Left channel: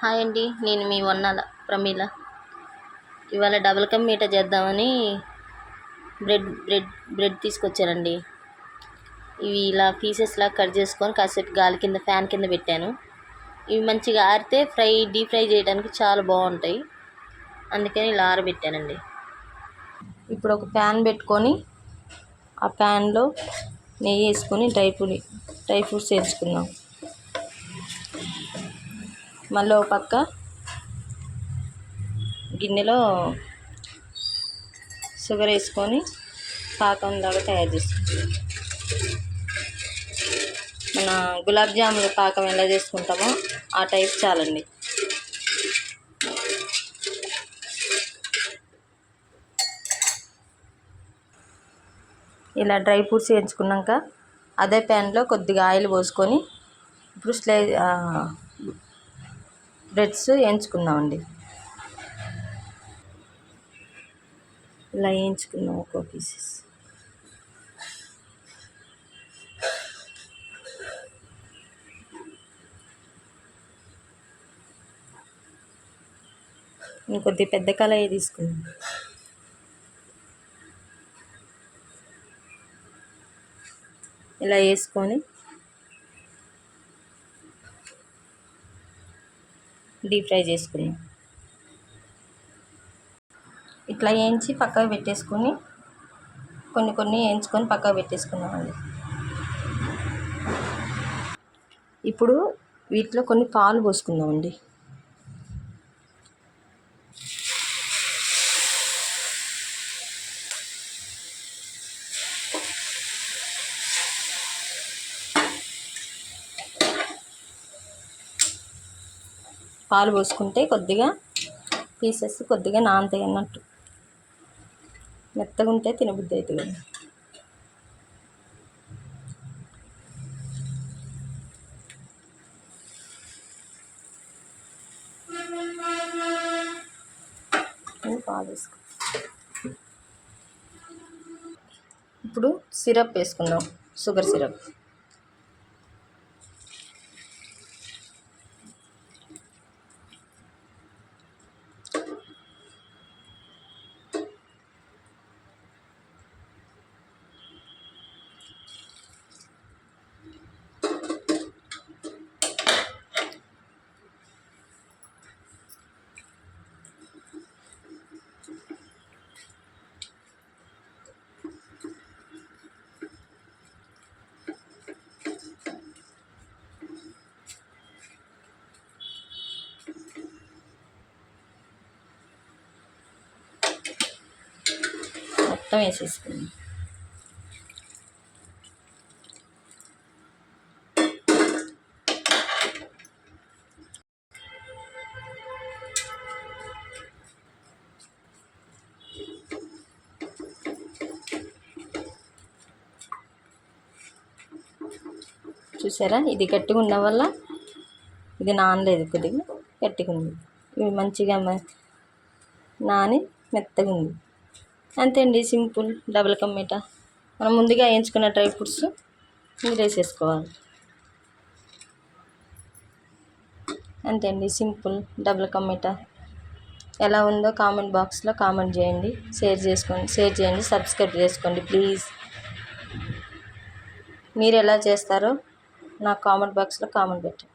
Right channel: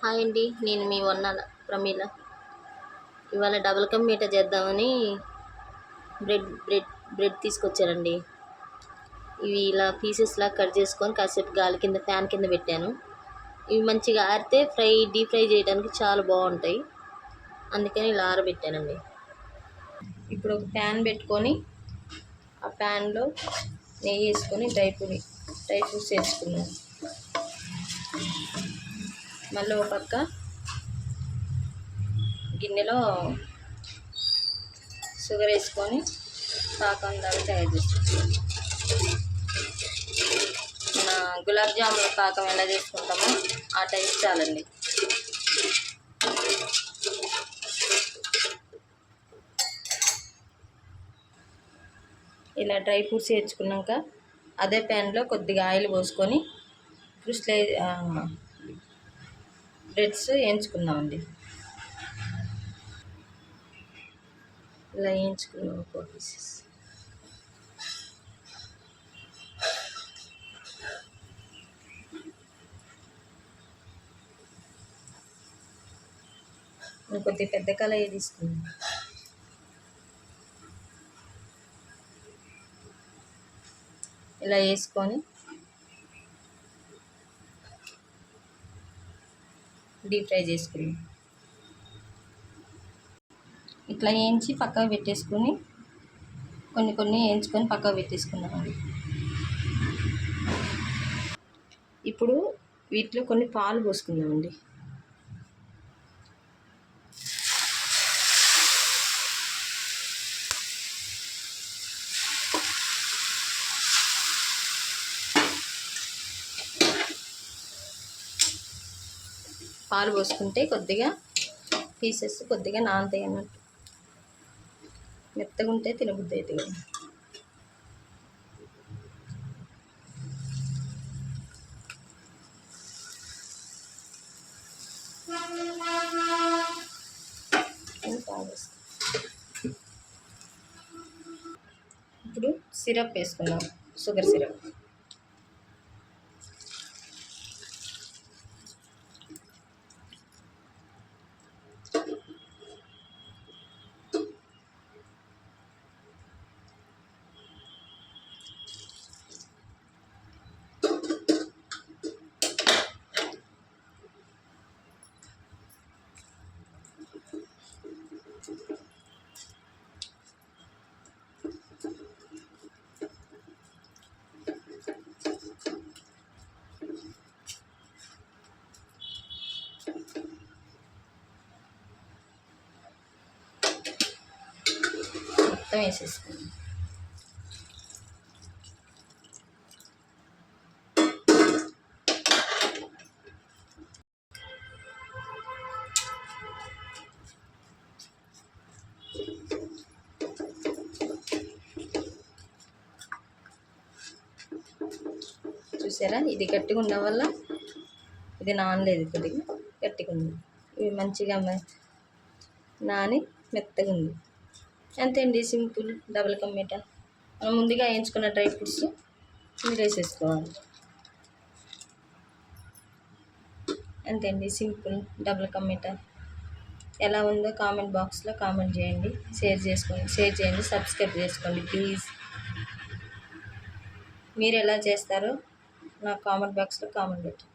Hi అండి నేను మీ వన్నాల ప్రమీల. ఇవాళ డబుల్ కమ్ మీట చేద్దామని బ్రెడ్ బ్రెడ్ బ్రెడ్ తీసుకొచ్చానండి ఇవి ఇలా పీసెస్లా కట్ చేసుకొని కాసేపు గాలి కింద ఫ్యాన్ కింద పెట్టాను. ఇవి మంచిగా ఆరితే ఫ్రై డీప్ ఫ్రై చేయడానికి చాలా బాగుంటాయి. అందుకని ఇలా ఆరబెట్టానండి. ఇప్పుడు ఒక ప్యాన్ పెట్టుకొని ఆ ప్యాన్లో నెయ్యి వేసుకొని డ్రై ఫ్రూట్ డ్రై ఫ్రూట్స్ వేసుకుందాం మళ్ళీ ఒక పక్క గిన్నెలో షుగర్ వేసుకొని పాకం దాకా తయారు చేసుకుంటాం. మన గులాబ్ జాముల పాకం ఎలా చేసుకుంటామో ఆ టైప్ చాలండి. ఇలా డ్రై ఫ్రూట్స్ వేయించుకున్నాక అదే ప్యాన్లో కొద్దిగా ఆయిల్ పోసుకొని ఇప్పుడు స్లే బ్రెడ్స్ వేయించుకుందామండి. ఇలా వేయించుకుందాం ఒక్కో పీసెస్ ఇంకొద్ది పెద్ద కళాయి తీసుకుందాం. ఇలా వేసుకొని డీప్ ఫ్రై చేసుకుందాం. ఇట్లా వేయించి పక్కకు పెట్టేసుకొని కొన్ని కొన్ని వేయించుకొని పక్కకు పెట్టేసుకున్నామండి ఇప్పుడు వీటిలో కొన్ని పాలు పోసుకుందామండి పాలు పోసుకుంటే కొద్దిగా పీసెస్ కొద్దిగా నానతాయి అన్నట్టు. మెత్తగా ఉంటే తినబుద్ధి అవుతుంది కదా. పాలు వేసుకో ఇప్పుడు సిరప్ వేసుకుందాం. Sugar syrup. మొత్తం వేసేసుకుందాం. చూసారా? ఇది గట్టిగా ఉండడం వల్ల ఇది నానలేదు కొద్దిగా. గట్టిగా ఉంది. ఇవి మంచిగా నాని మెత్తగా ఉంది. అంతే అండి సింపుల్. డబుల్ కమ్మీట మనం ముందుగా వేయించుకున్న డ్రై ఫ్రూట్స్ మీరు వేసేసుకోవాలి అంతే అండి సింపుల్. డబుల్ కమ్మీట ఎలా ఉందో కామెంట్ బాక్స్లో కామెంట్ చేయండి. షేర్ చేసుకోండి షేర్ చేయండి సబ్స్క్రైబ్ చేసుకోండి ప్లీజ్. మీరు ఎలా చేస్తారో నాకు కామెంట్ బాక్స్లో కామెంట్ పెట్టండి.